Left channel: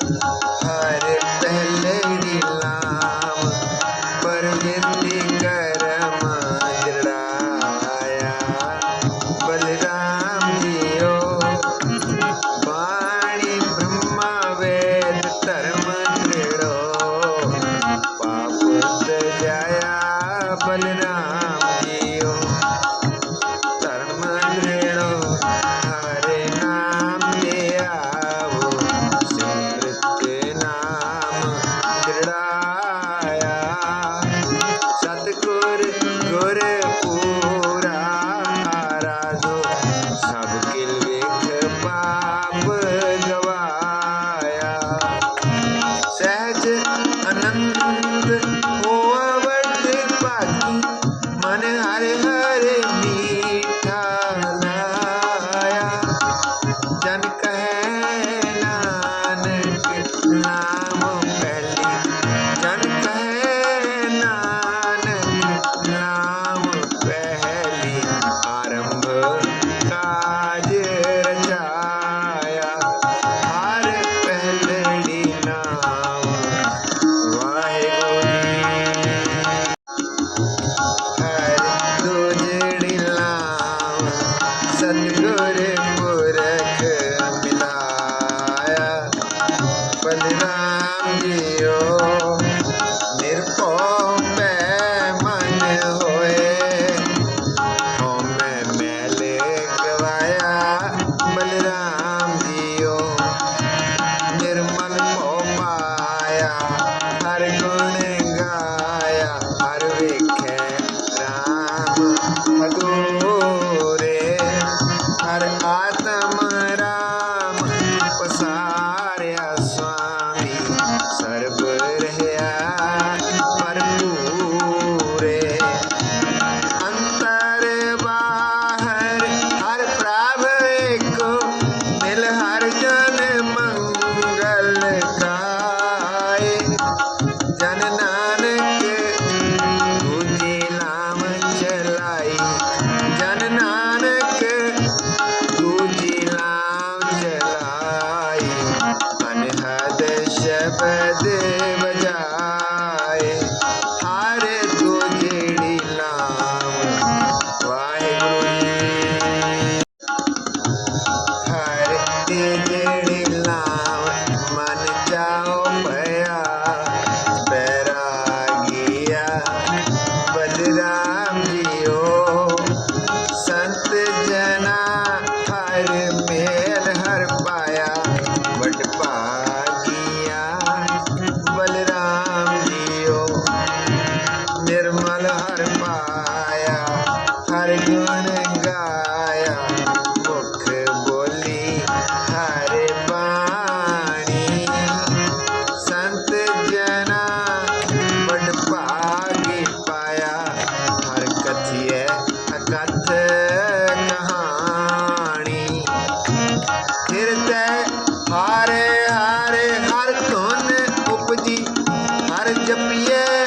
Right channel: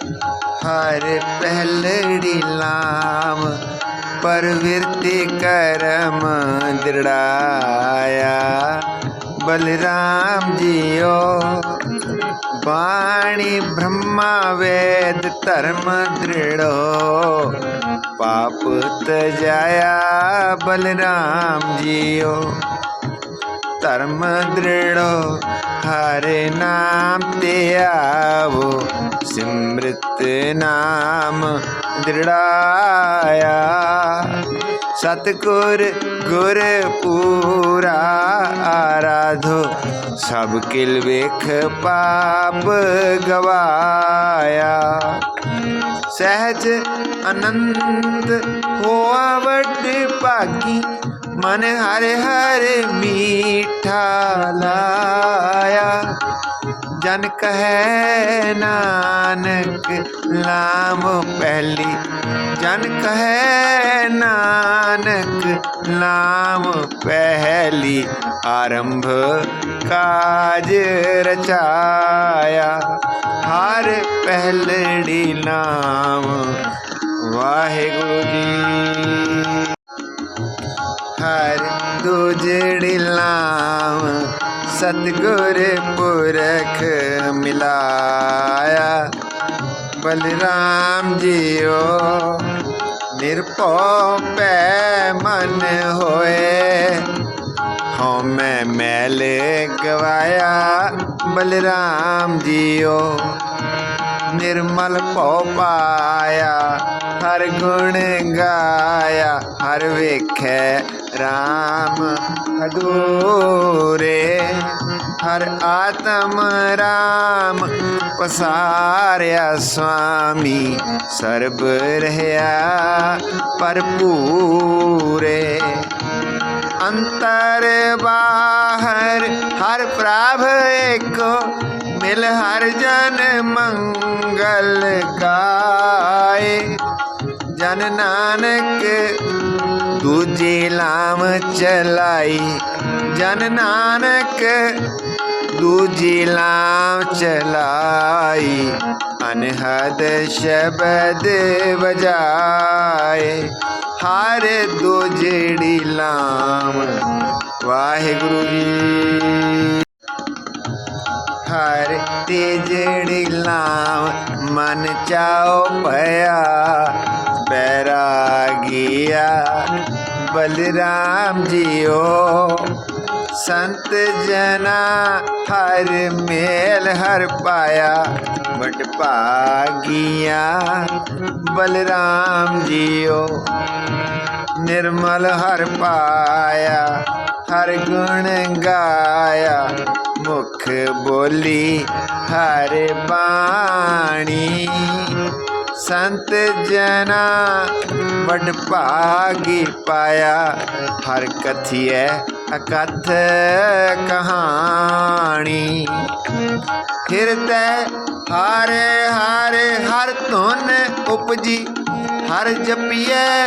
हर पहलड़ी लाम प्रवृत्ति कर्म दृढ़ाया। बलराम जियो, वाणी ब्रह्मा वेद धर्म दृढ़ो पाप जाया बलराम जियो, धर्म दृढ़ो नाम दृढ़ाया सतगुर गुर पूरा आराधो सब किल विख पाप गवाया। सहज अनंत होवट पाकी, मन हर हर मीठा लाया। जन कह रंग लाम पहली जन कहे नानक लाम पहली आरंभ का बलराम जियो। निरपो पे मन होए। हमें मैले गवाया बलराम जियो। निर्मल पो पाया, हर गुण गाया। हर विख राम हदूरे हर आत्म राम पसार। ਪਸਾਰਿਆ ਸੁਆਮੀ ਸਰਬ ਰਹਿਆ ਭਰਪੂਰੇ ਅੰਤਰ ਬਾਹਰ ਹਰ ਪ੍ਰਭ ਏਕ ਮਿਲ ਹਰ ਜਨ ਮੰਗਲ ਕਾਏ ਜਨ ਨਾਨਕ ਦੂਜੀ ਲਾਮ ਚਲਾਈ ਜਨ ਨਾਨਕ ਦੂਜੀ ਲਾਮ शबद बजाए हर दो जेड़ी लाम वाहेगुरु हर ते नाम लाम मन चाओ भया। पैरा गया बलराम जियो। संत जना, हर मेल हर पाया। ਬੋਲੀ, ਹਰ ਬਾਣੀ। ਸੰਤ ਜਨਾ ਵਡ ਭਾਗੀ ਪਾਇਆ, ਹਰ ਕਥਿਐ ਅਕਥ ਕਹਾਣੀ। ਹਿਰਦੈ ਹਾਰੇ ਹਾਰੇ ਹਰ ਧੁਨ ਉਪਜੀ, ਹਰ ਜਪੀਐ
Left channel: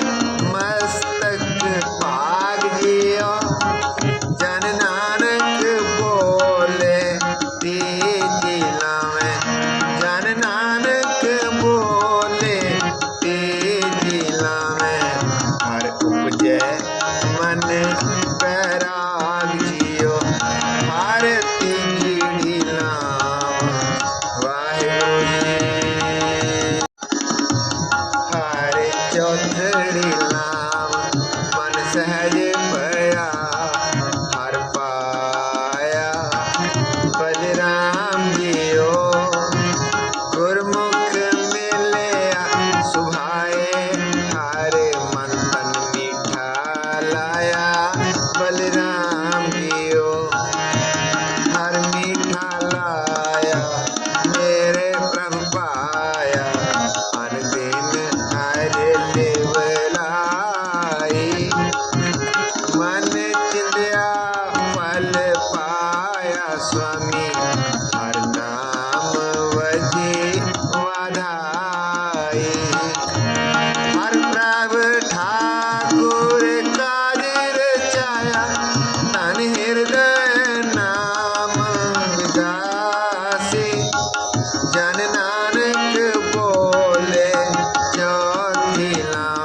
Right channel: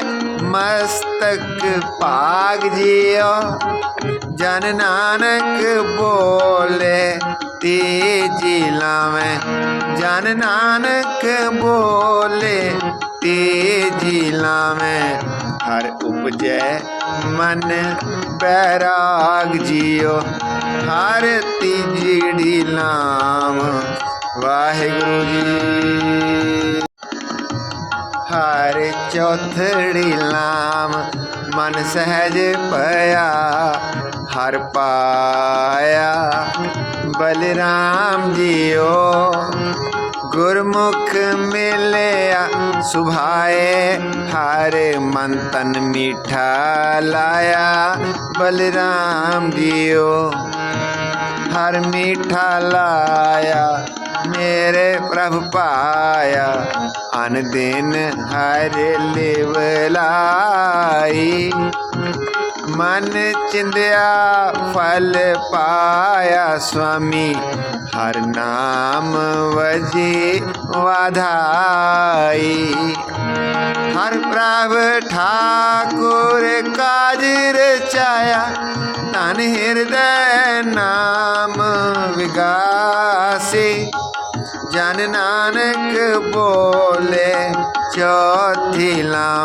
ਮਨ ਬੈਰਾਗ ਜਿਓ, ਹਰ ਤੀਜੜੀ ਲਾਮ ਵਾਹਿਗੁਰੂ ਜੀ। ਹਰ ਚੌਥੜੀ ਲਾਮ ਮਨ ਸਹਿਜ ਪਿਆ ਹਰ ਪਾਇਆ। ਬਲਰਾਮ ਜੀਓ लाया बलराम जियो हर मीठा लाया, मेरे प्रभ पाया। अन दिन हर लेवलाई मन चिंदया फल पाया, स्वामी। हर नाम वजी वाधाई। हर সাথিলাম